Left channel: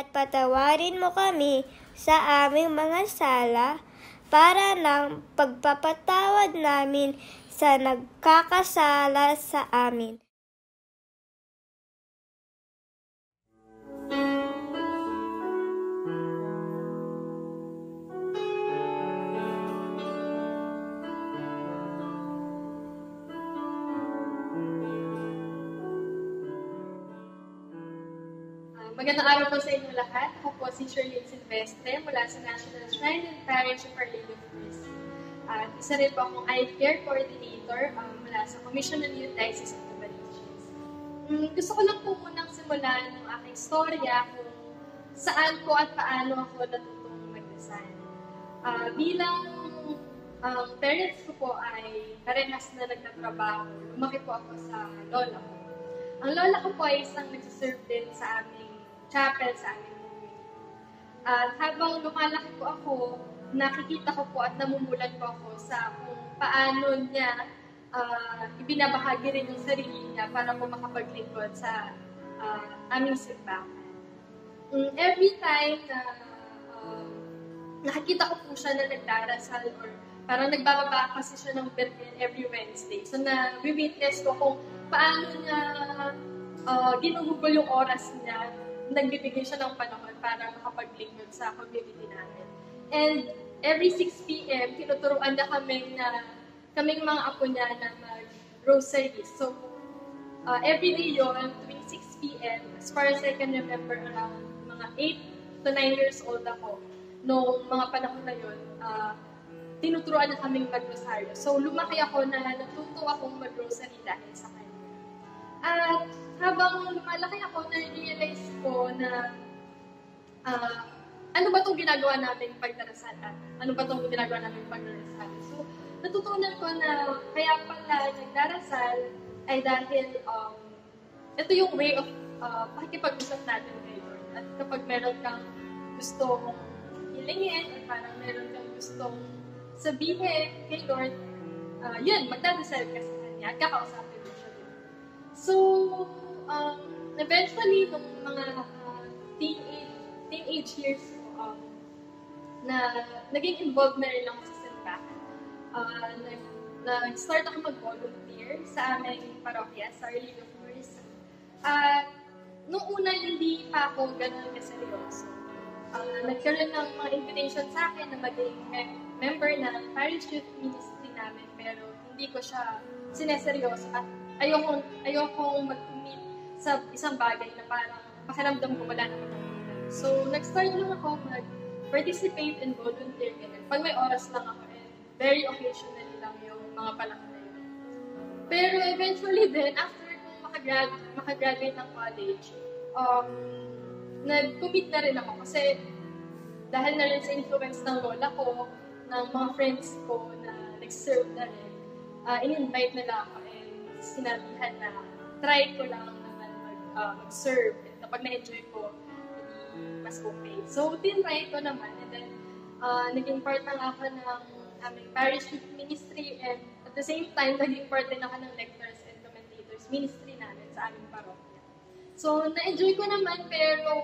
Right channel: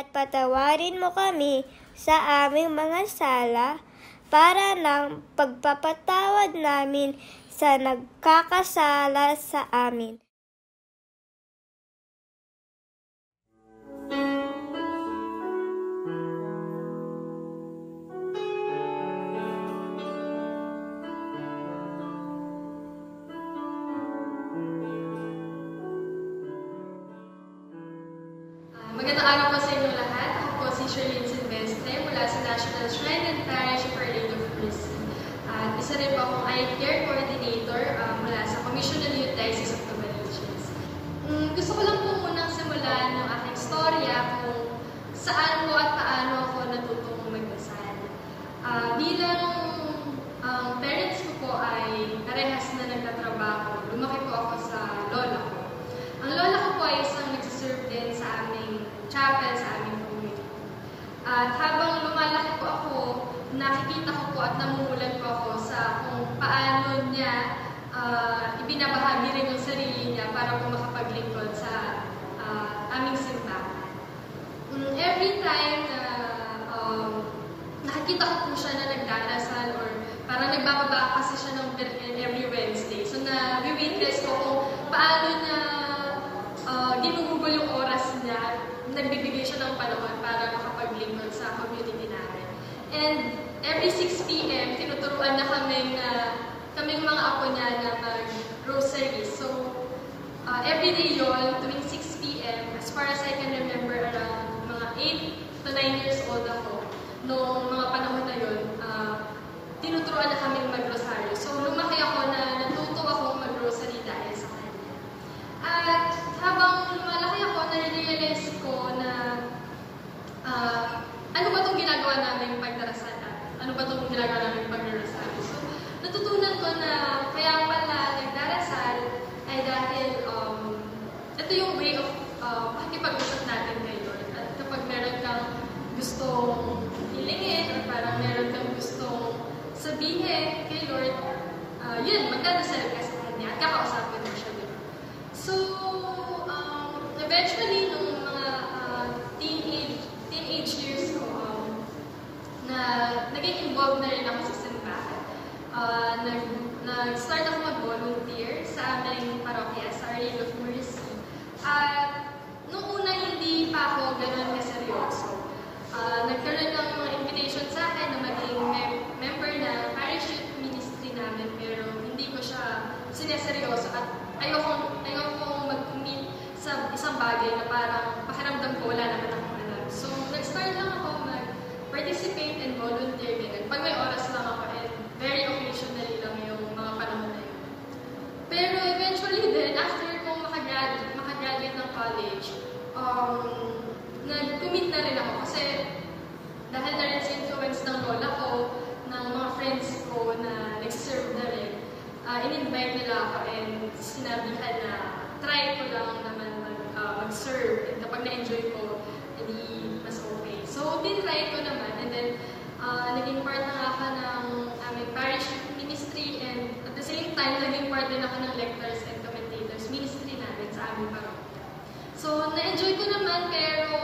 at patawarin mo kami sa aming mga sala para ng pagpapatawad namin sa nagkakasala sa amin. Magandang araw po sa inyong lahat. Ako po si Sherlyn Silvestre mula sa National Shrine and Parish of Our Lady of Mercy. At isa rin po akong Eye Care Coordinator mula sa Commission on Youth Diocese of Novaliches. Gusto ko lang po munang simulan ng aking storya kung saan po at paano ako natutong magdasal. Bilang parents ko po ay parehas na nagtatrabaho. Lumaki po ako sa lola ko. Ang lola ko po ay isang nagsiserve din sa aming chapel, sa aming community. At habang lumalaki po ako, nakikita ko po at namumulan po ako sa kung paano niya ibinabahagi rin yung sarili niya para po makapaglingkod sa aming simbahan. Every time na nakikita ko po siya na nagdarasal or parang nagbababa kasi siya ng Birhen every Wednesday. So na-witness ko kung paano niya ginugugol yung oras niya, nagbibigay siya ng panahon para makapaglingkod sa community namin. And every 6 p.m., tinuturuan niya kaming mga apo niya na mag-rosary. So, every day yun, tuwing 6 p.m., as far as I can remember, around mga 8 to 9 years old ako, noong mga panahon na yun, tinuturuan niya kaming mag-rosaryo. So, lumaki ako na natuto akong mag-rosary dahil sa kanya. At habang lumalaki ako, na-realize ko na ano ba itong ginagawa namin pagdarasalan? Ano ba itong ginagawa namin pagdarasal? So, natutunan ko na kaya pala nagdarasal ay dahil ito yung way of pakikipag-usap natin kay Lord. At kapag meron kang gustong hilingin, or parang meron kang gustong sabihin kay Lord, yun, magdadasal ka sa Kanya at kakausapin mo siya doon. So, eventually, nung mga teenage years ko, na naging involved na rin ako sa simbahan. Nag-start ako mag-volunteer sa aming parokya, sa Our Lady of Mercy. At nung una, hindi pa ako ganun kaseryoso. Nagkaroon ng invitation sa akin na maging member ng parish youth ministry namin, pero hindi ko siya sineseryoso at ayokong mag-commit sa isang bagay na parang pakiramdam ko wala naman akong alam. So, nag-start lang ako mag-participate and volunteer ganun. Pag may oras lang ako, and very occasionally lang yung mga panahon na yun. Pero eventually din, after kong makagraduate ng college, nag-commit na rin ako kasi dahil na rin sa influence ng lola ko, ng mga friends ko na nag-serve na rin, in-invite nila ako and sinabihan na try ko lang naman mag-serve. And kapag na-enjoy ko, hindi mas okay. So, tinry ko naman and then naging part na ako ng aming parish ministry and at the same time, naging part din ako ng lectors and commentators ministry namin sa aming parokya. So, na-enjoy ko naman pero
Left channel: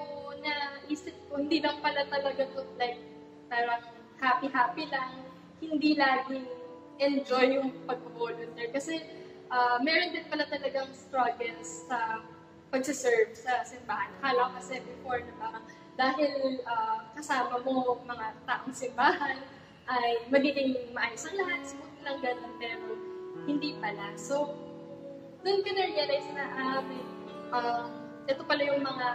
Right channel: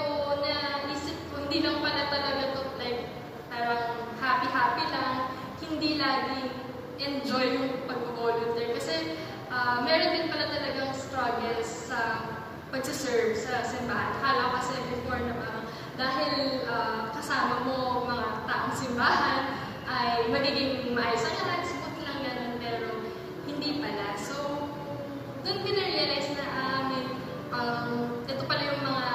naisip ko, hindi lang pala talaga to like parang happy-happy lang, hindi laging enjoy yung pag-volunteer. Kasi meron din pala talagang struggles sa pagsiserve sa simbahan. Akala kasi before na parang dahil kasama mo mga taong simbahan ay magiging maayos ang lahat, smooth lang ganun, pero hindi pala. So, doon ko na-realize na ito pala yung mga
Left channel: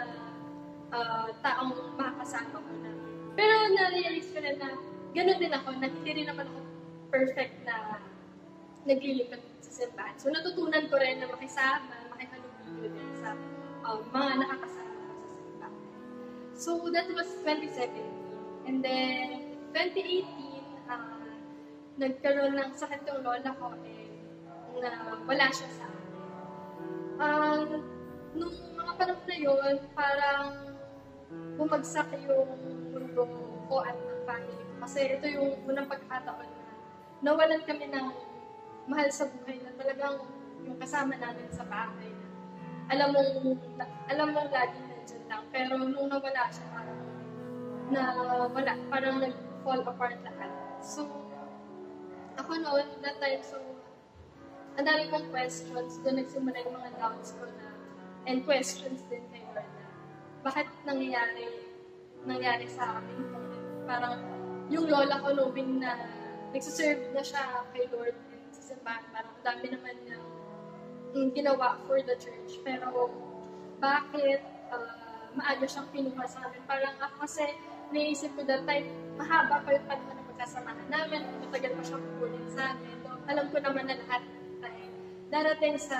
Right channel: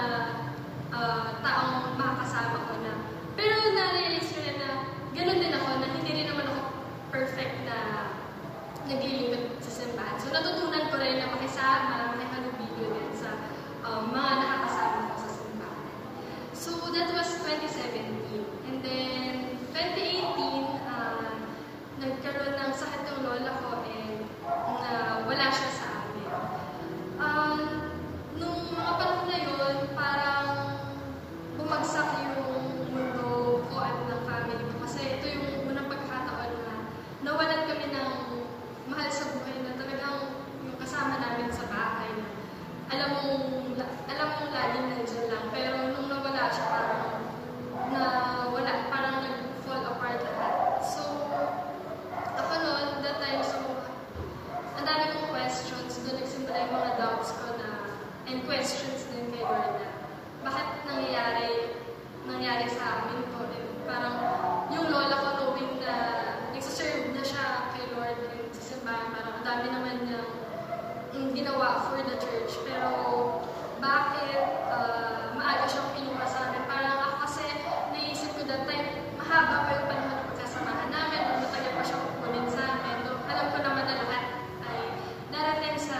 taong makakasama ko na. Pero na-realize ko na ganun din ako, na hindi rin naman ako perfect na naglilingkod sa simbahan. So, natutunan ko rin na makisama, makihalubilo din sa mga nakakasama ko sa simbahan. So, that was 2017. And then, 2018, nagkaroon ng sakit yung lola ko and wala siya sa amin. Nung mga panahon na yun, parang bumagsak yung mundo ko at ng family ko. Kasi ito yung unang pagkakataon na nawalan kami ng mahal sa buhay na talagang yung kasama namin sa bahay. Alam mong laging nandiyan lang. Pero nung nawala siya, and questions din kay Lord na bakit nangyari sa amin to. And parang yung lola ko knowing na nagsiserve na siya kay Lord and sa simbahan, parang ang dami naman niyang ginawa for the church. Pero bakit maaga siyang kinuha sa amin? Parang kasi naisip ko that time, mahaba pa yung panahon na pagkasamahan namin, matagal pa siyang kukunin sa amin. So, alam ko naman na lahat ay darating sa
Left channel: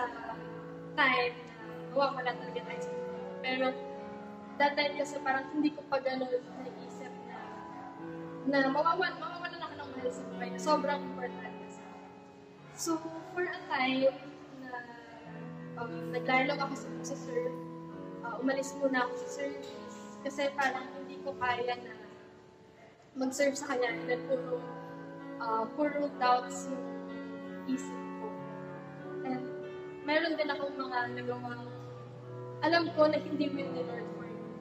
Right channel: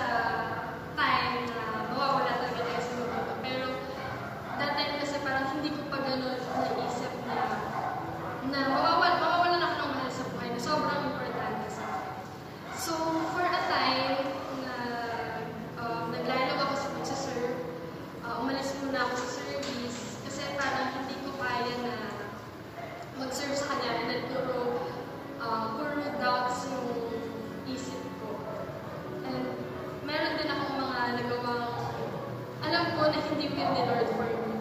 time na mawawala talaga tayo sa mundo. Pero that time kasi parang hindi ko pa gano'n naisip na mawawalan ako ng mahal sa buhay na sobrang importante sa akin. So, for a time na naglaylo ako sa pagsaserve, umalis muna ako sa service kasi parang hindi ko kaya na mag-serve sa kanya and then puro doubts yung isip ko. And meron din akong mga nagawang alam ko na hindi will ni Lord for me.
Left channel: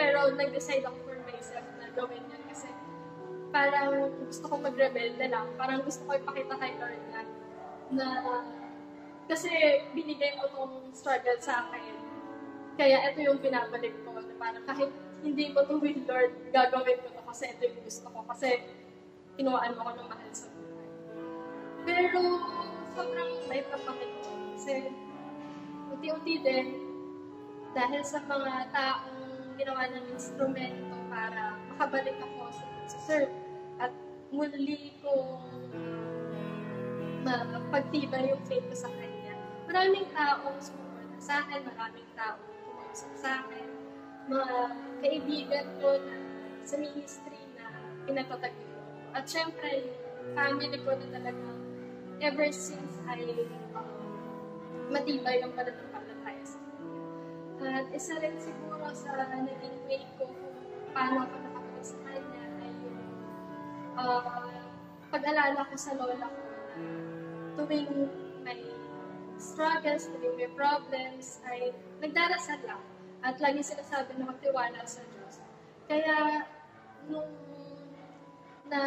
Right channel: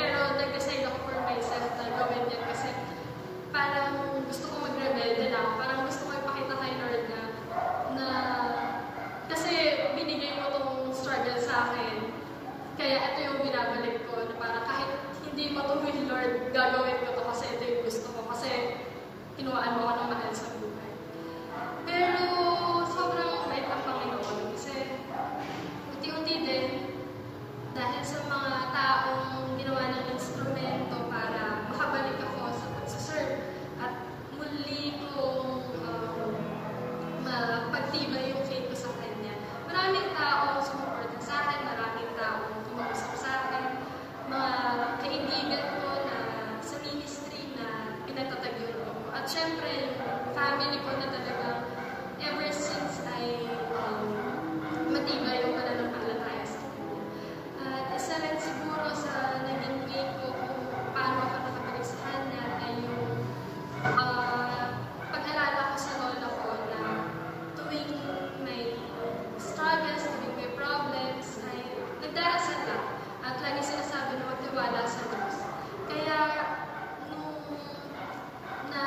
Pero nag-decide ako for myself na gawin yan kasi parang gusto ko mag-rebelde lang. Parang gusto ko ipakita kay Lord na kasi binigay mo tong struggle sa akin. Kaya ito yung binabalik ko. Na parang kahit hindi ko to with Lord, gagawin ko to kasi ito yung gusto ko. Kasi tinuwaan mo ako ng mahal sa buhay. Pero sobrang may Panginoon. Kasi unti-unti din, dahil sa mga taong ginawa ng instrumento para makabalik ako sa pagsaserve at muli kong mapagtibay yung faith ko sa Kanya. Maraming taong sumuporta sa akin, maraming taong tumausap sa akin, mga kaibigan ko na sa ministry na pinatatagyan ko. At syempre, yung family ko na talagang ever since ay matibay yung pananampalataya sa Kanya. At isa rin siguro sa naging way ko kung paano ako nakabalik sa Kanya ay yung pag-alala ko sa lola ko na tuwing may struggles, tuwing may problems, ay nagdarasal lang. At lagi sinasabi na magtiwala sa Diyos. Kaya, nung na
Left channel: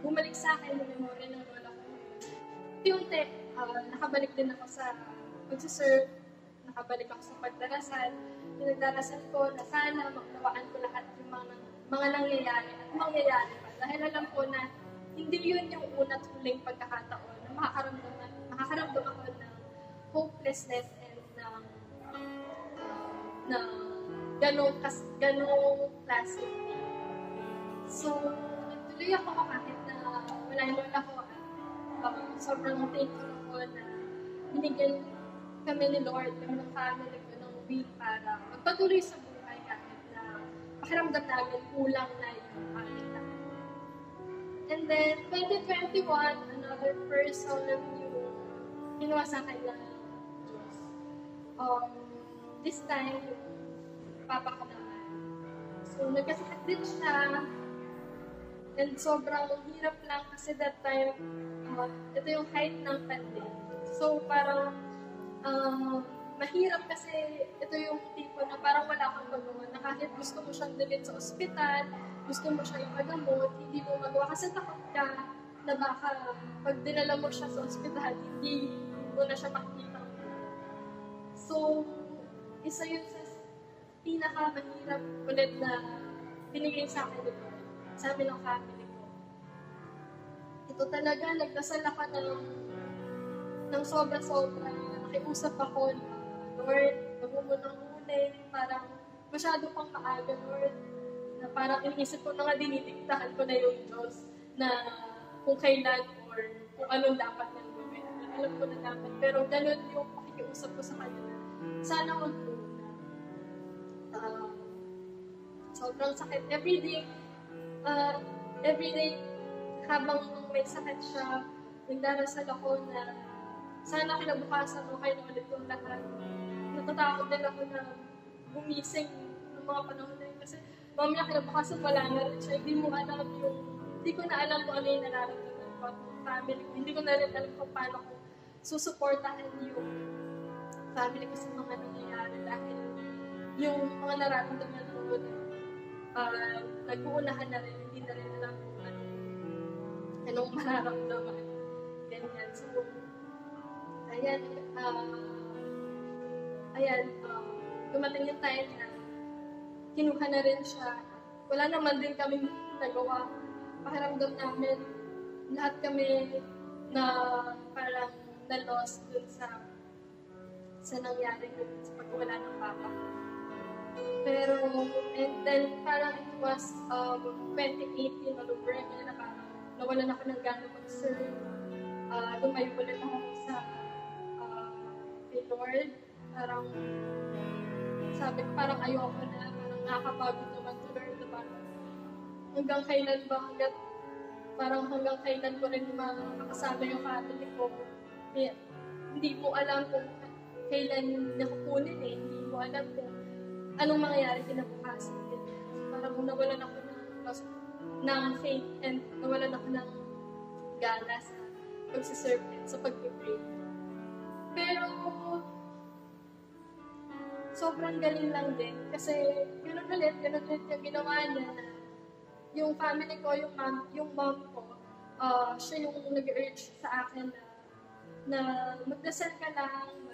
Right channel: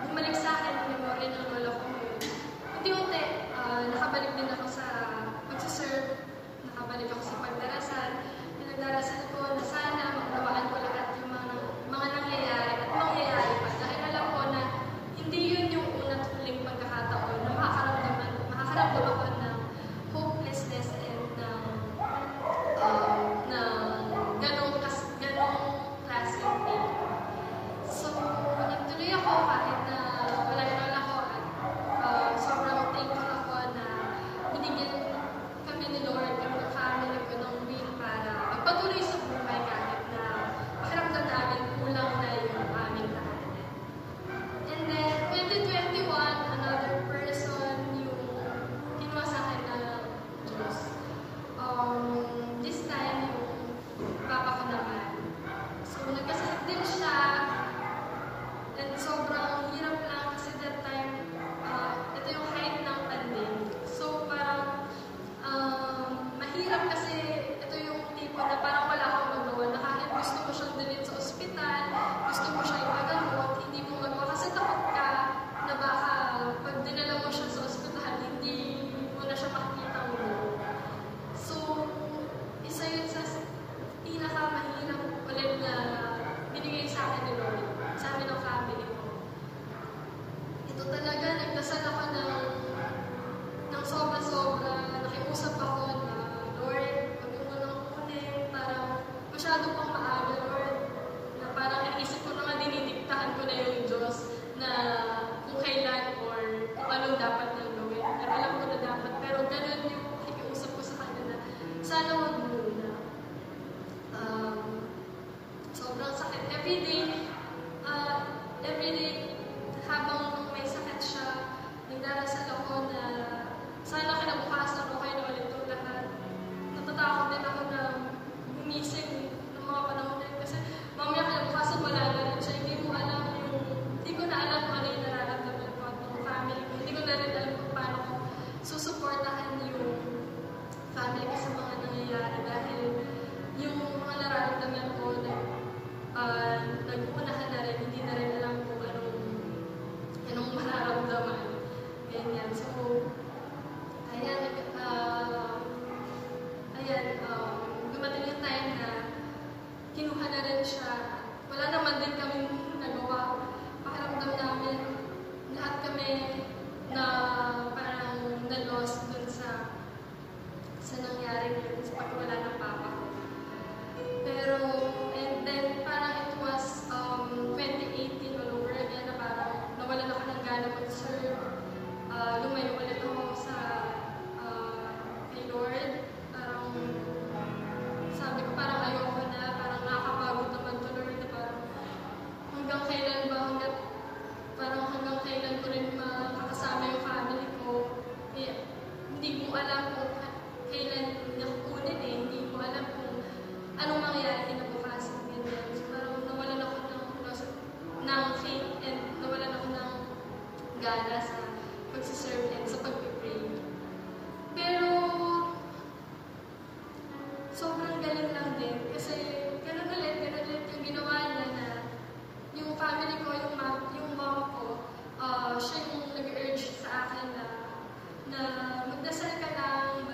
bumalik sa akin yung memory ng lola ko ngayon, unti-unti, nakabalik din ako sa pagsaserve, nakabalik ako sa pagdarasal. Nagdarasal ko na sana maunawaan ko lahat yung mga nangyayari at mangyayari pa. Dahil alam ko na hindi yun yung unang huling pagkakataon na makakaramdam ako ng hopelessness and ganong klase ng pain. So, nagtuloy ako kahit na wala yung lola ko at sobrang thankful ako na binigyan kami ni Lord, kami ng family ko ng will para magpatuloy sa buhay kahit na pakiramdam namin kulang na yung aming lahat. And then, 2021, another person yung kinuha sa akin na Diyos. This time, yung papa ko naman. So, nagkasakit din siya. And sobrang hirap lang kasi that time, ito yung height ng pandemic. So, parang mahirap kasi ito yung tipo na parang wala kang magawa na kahit gusto mo siyang dalhin sa ospital, gusto mo siyang ipagamot, hindi mo magawa kasi takot ka na baka pag dinala mo siya sa ospital, hindi mo na siya makikita mo. So, isa yun sa pinakamahirap ulit na binigay sa akin ni Lord, sa amin ng family ko. Ito talaga, nagdasal ako ng sobra-sobra, nakiusap ako na, Lord, wag mo nang kunin, parang masyado pang maaga, Lord, na parang inisip ko na nga dinidiktahan ko na yung Diyos na kung kailan or kung anong dapat nang gawin. Pero alam ko na dapat, pero ganun yung nakikiusap ko sa kanya na sana wag muna. Sobrang sakit. Everyday, habang may sakit siya, nagdarasal ako na sana kinabukasan okay na ulit itong lahat. Natatakot din ako na gumising ng mga panahon na yun. Kasi mamaya kinabukasan wala na rin siya. Hindi ko na alam kung ano yung nararamdaman ko at yung family ko. Hindi ko na rin alam kung paano ko susuportahan yung family ko sa mga nangyayari. Dahil yung mga nararamdaman ko na nag-uunahan na rin, hindi na rin alam kung anong mararamdaman. Ganyan. So, ayan ayan, dumating yung time na kinuha na rin siya. Wala naman din kami nagawa. Pakiramdam namin, lahat kami na parang na-lost dun sa nangyari yun, sa pagwala ng papa ko. Pero, and then parang it was 2018 all over again na parang nawalan ako ng gana mag-serve. Lumayo ulit ako sa kay Lord. Parang sabi ko parang ayoko na, parang nakakapagod naman to Lord. Parang hanggang kailan ba, hanggang kailan ko rin makakasama yung family ko. Hindi ko alam kung kailan nakukunin hindi ko alam kung anong mangyayari kinabukasan. So, parang nawalan ako ng faith and nawalan ako ng gana sa pagsiserve and sa pag-pray. Pero sobrang galing lang din kasi ganun ulit yung ginawa niya na yung family ko, yung mom ko, siya yung nag-urge sa akin na magdasal ka lang,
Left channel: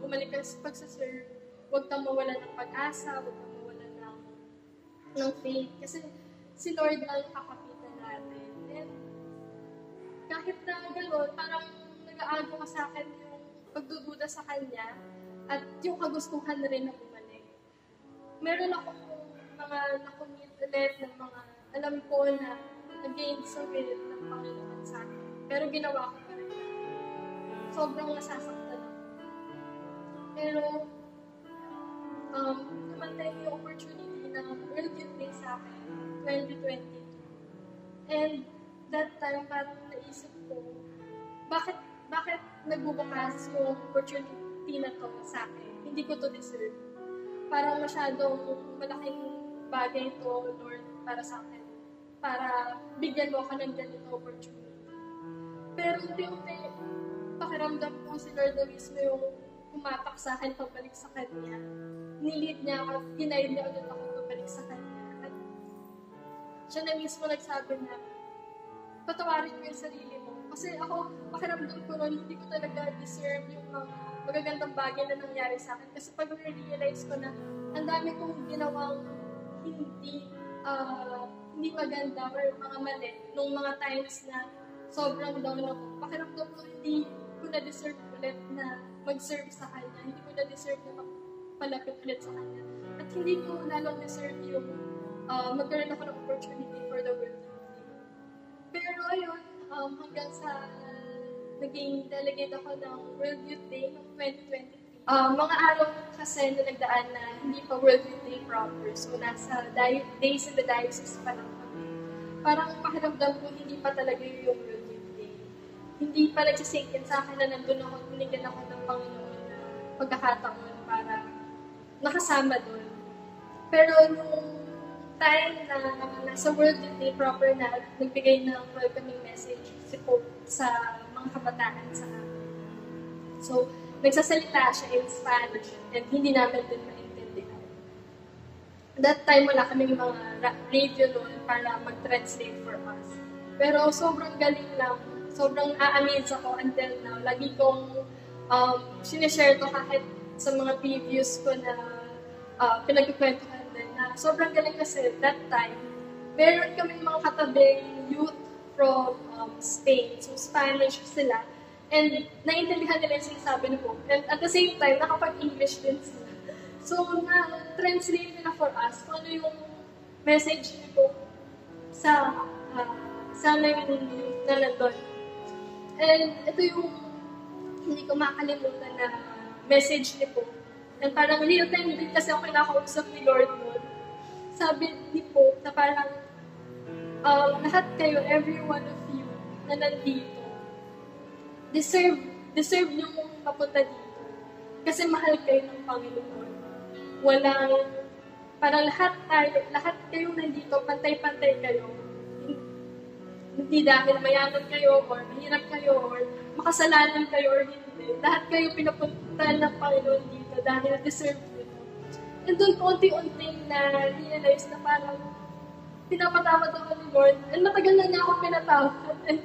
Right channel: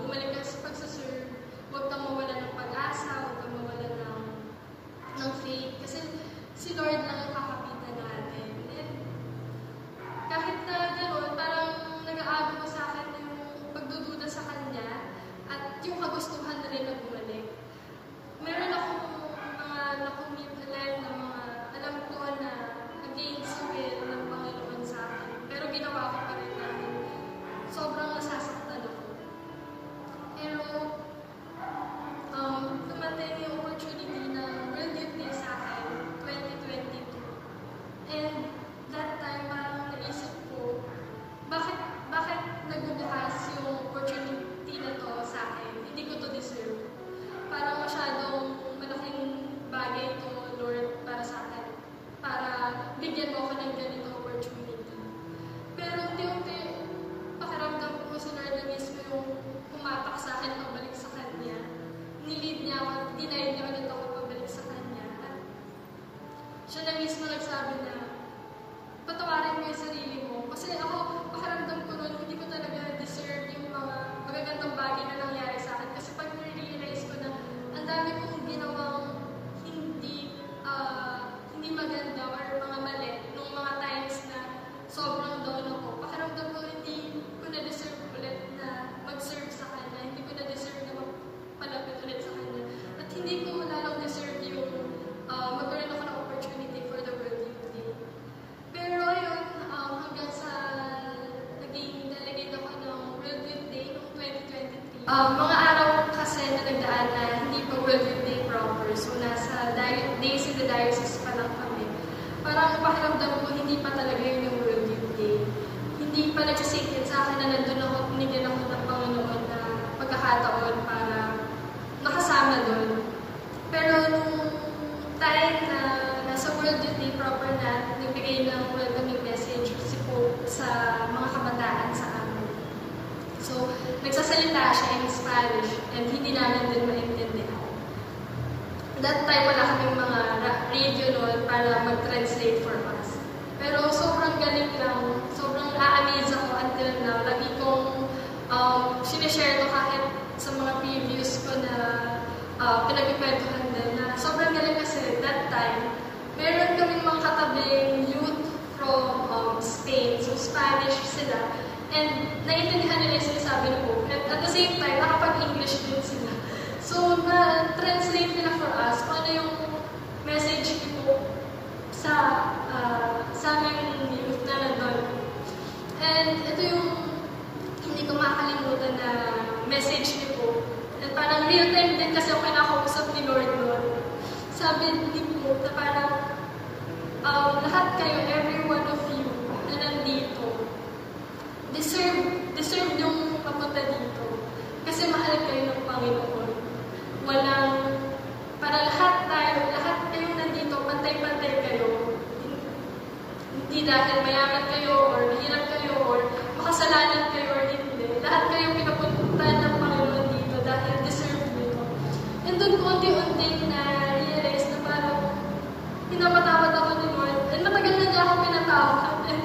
bumalik ka sa pagsaserve, huwag kang mawalan ng pag-asa, huwag kang mawalan ng faith. Kasi si Lord lang ang kakapitan natin. And kahit na gano'n, parang nag-aagaw sa akin yung pagdududa sa Kanya at yung kagustuhan na rin na bumalik. Meron akong mga nakumit ulit na mga alam ko na against will ng Panginoon sa akin. Pero ginawa ko pa rin namin. Sobrang nasasaktan ako. Pero dumating yung opportunity na World Youth Day sa akin, 2022. And that time, parang naisip ko, bakit nagbubukas yung opportunity na to sa akin? Hindi ko to deserve. Parang masyadong malaking bagay to, Lord, para sa akin. Para bigyan mo ako ng ganito opportunity. Pero unti-unti, pakiramdam ko si Lord na mismo yung pumatak sa akin pabalik sa Kanya. Nilid niya ako, denied niya ulit ako pabalik sa Kanya. At siya na mismo nagsabi na, patawarin mo yung sarili mo. Kasi ako, pakiramdam ko noon, hindi ko talaga deserve yung mga magagandang bagay na nangyari sa akin. Kasi pag nire-realize ko na ang dami kong ginawang hindi maganda or mga mali nung mga times na sobrang down ako. Pakiramdam ko, hindi ko na-deserve ulit na mag-serve sa Kanya. Hindi ko na-deserve na palapit ulit sa Kanya. At hindi ko lalong deserve yung magkaroon ako ng opportunity for the World Youth Day. Pero yun, hanggang sa naging delegate ako ng World Youth Day noong 2023. Mga araw kasi na nagdaan na hindi pa World Youth Day proper. So nasa days in the diocese pa lang kami. Parang pakiramdam ko hindi pa talaga yun yung World Youth Day. Hindi pa nagsisink in sa akin na nandun ako, pinigyan ako ng Panginoon na pagkakataon para nakasama doon. Pero nung time na nasa World Youth Day proper na, nagbigay ng welcoming message si Pope sa mga kabataan sa amin. So, nagsasalita siya in Spanish and hindi namin din maintindihan. That time, wala kaming mga radio noon para mag-translate for us. Pero sobrang galing lang, sobrang na-amaze ako until now. Lagi kong sinishare to kahit sa mga previews ko na pinagkikwentuhan din na sobrang galing kasi that time, meron kaming mga katabing youth from Spain, so Spanish sila. And naiintindihan nila yung sinasabi ni Pope. And at the same time, nakapag-English din sila. So, na-translate nila for us kung ano yung message ni Pope sa aming youth na nandun. And ito yung hindi ko makakalimutan na message ni Pope. And parang real time din kasi ako kinakausap ni Lord noon. Sabi ni Pope na parang lahat kayo, every one of you na nandito, deserve niyong mapunta dito. Kasi mahal kayo ng Panginoon. Para lahat kayo nandito, pantay-pantay kayo. Hindi dahil mayaman kayo, or mahirap kayo, or makasalanan kayo, or hindi. Lahat kayo pinapunta ng Panginoon dito dahil deserve nyo. And doon ko unti-unting na-realize na parang pinapatawad ako ni Lord. And matagal na niya ako pinatawad. And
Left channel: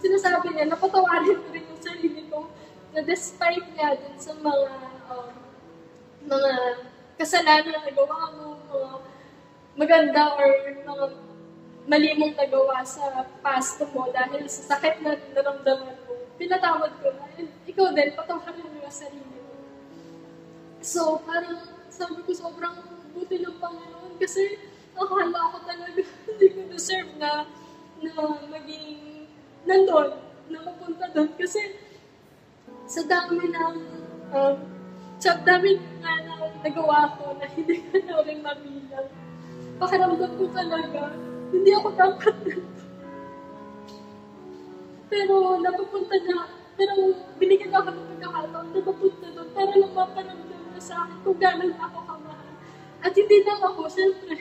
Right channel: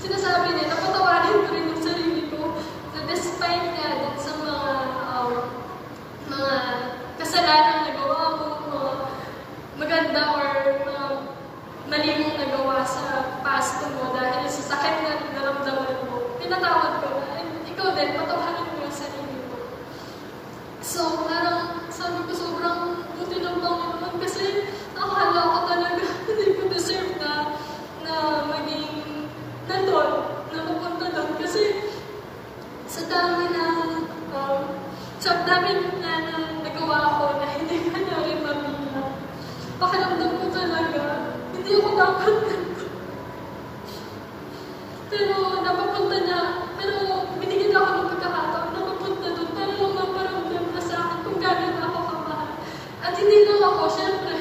sinasabi niya, napatawarin ko rin yung sarili ko na despite nga din sa mga kasalanan na gawa mo, mga maganda or mga mali mong nagawa sa past mo dahil sa sakit na naramdaman mo, pinatawad ko na, ikaw din, patawarin mo yung sarili mo. So, parang sabi ko sobrang buti ng Panginoon kasi akala ko talaga hindi ko deserve na maging nandun, na mapunta doon. Kasi sa dami na nagawa ko na hindi ko na rin mabilang. Pakiramdam ko talaga, hindi ako dapat nandun. Pero napapunta na, pero binigyan ako ng pagkakataon na mapunta doon para lang maparamdam na sa akin kung gano'n ako kamahal. At hindi lang ako, syempre,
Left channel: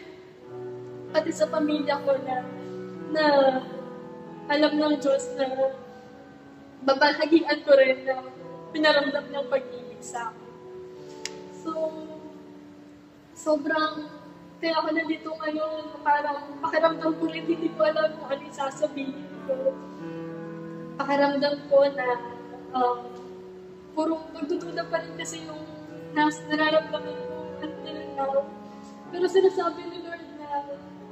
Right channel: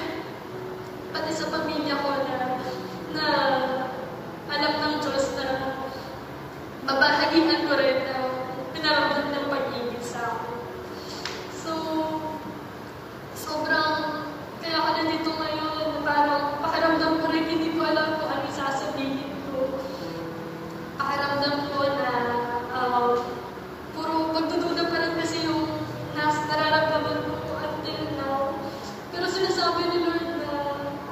pati sa pamilya ko na alam ng Diyos na babahagian ko rin na pinaramdam ng pag-ibig sa akin. So, sobrang, kaya ako nandito ngayon, parang pakiramdam ko rin, hindi ko alam kung ano yung sasabihin ko. Pakiramdam ko na puro pagdududa pa rin kasi yung nararamdaman ko until now. Pero sinasabi ni Lord na,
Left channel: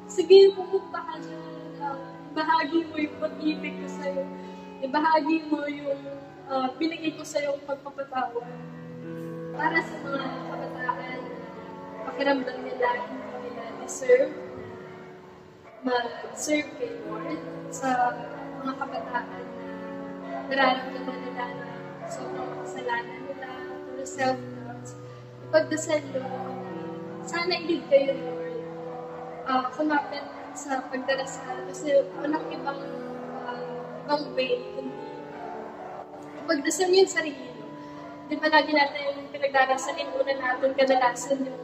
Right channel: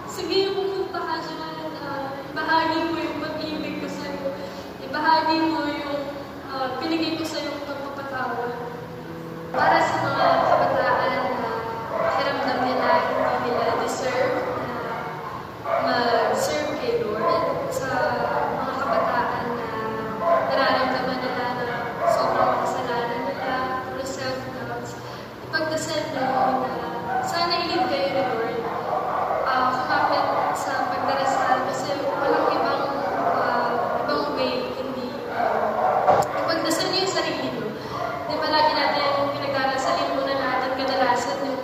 sige, pumunta ka dyan, ibahagi mo yung pag-ibig ko sa'yo. Ibahagi mo yung pinigay ko sa'yo yung pagpapatawad. Para sa mga kabataan na pakiramdam nila, hindi nila deserve na mag-serve kay Lord. Sa mga kabataan na nararamdaman nila na sobrang kasalanan nila, puro self-doubt, ipagdasal nyo na sana ilid kayo ni Lord. Kumapit sa pagdarasal kasi walang ibang way kundi ipagdasal niyo yung sarili mo. Di ba lagi natin pinagdarasalin muna natin kadalasan yung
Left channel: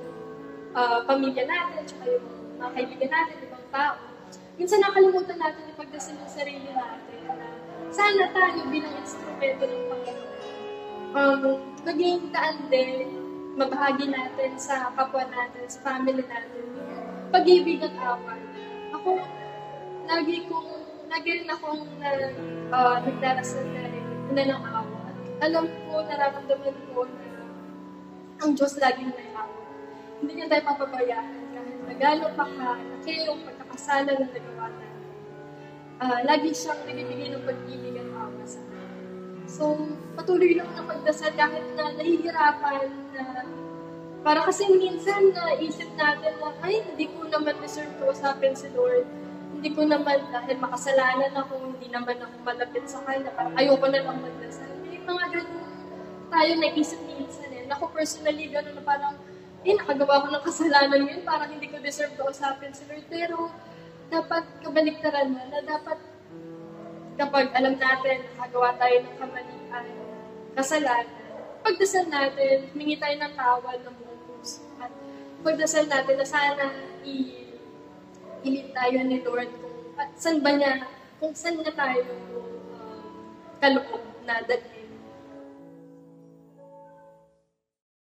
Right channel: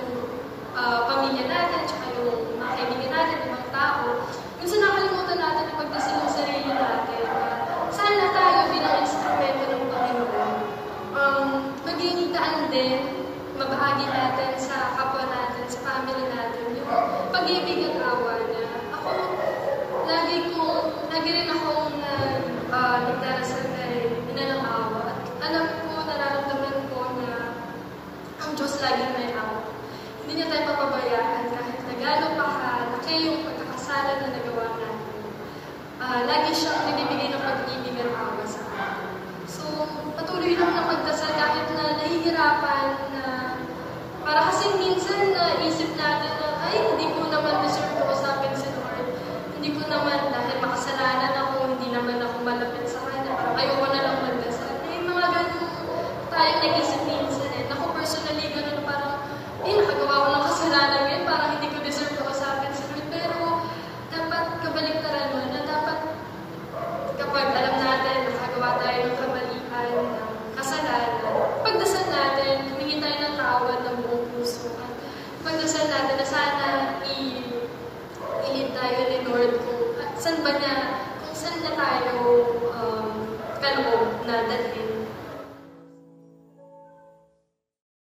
pamilya natin, tsaka yung mga kaibigan natin, yung mga tao. Minsan nakalimutan natin ipagdasal yung sarili natin. Sana tayo bilang instrumento ng Panginoon, maging kaan din, mabahagi natin sa kapwa natin, sa family natin, yung pag-ibig at awa na ako, lagi rin akong nagdarasal kay ng awa. At alam ko, nararamdaman ko na ang Diyos laging may awa. Hindi niya tayo papabayaan kahit nagalo pa ka, na kayo yung pagkakasala na nagawa natin. Lagi siyang nagbibigay ng pag-ibig at awa sa akin. So, patuloy lang na pagdasal kahit na nahihirapan na para kasi minsan naisip natin na, ay, hindi ko naman deserve ko usapin si Lord. Hindi ko naman, dahil makasalanan ako, hindi naman ako malapit sa Kanya. Parang ayoko na lang magdasal. May mga ganun tayong naisip minsan eh. Ako personally, ganun parang, nakagawa ko ng kasalanan ngayon, parang hindi ko deserve ko usapin si Lord. Pero, dapat kabaliktaran mo na dapat kapag alam natin, nakagawa tayo ng kamalian, kasalanan, pagdasal natin, humingi tayo ng tawad ng buong puso. At pagdasal natin na sana ilid tayo ni Lord kung saan ba niya, kung saan niya tayo kaloob na dalhin.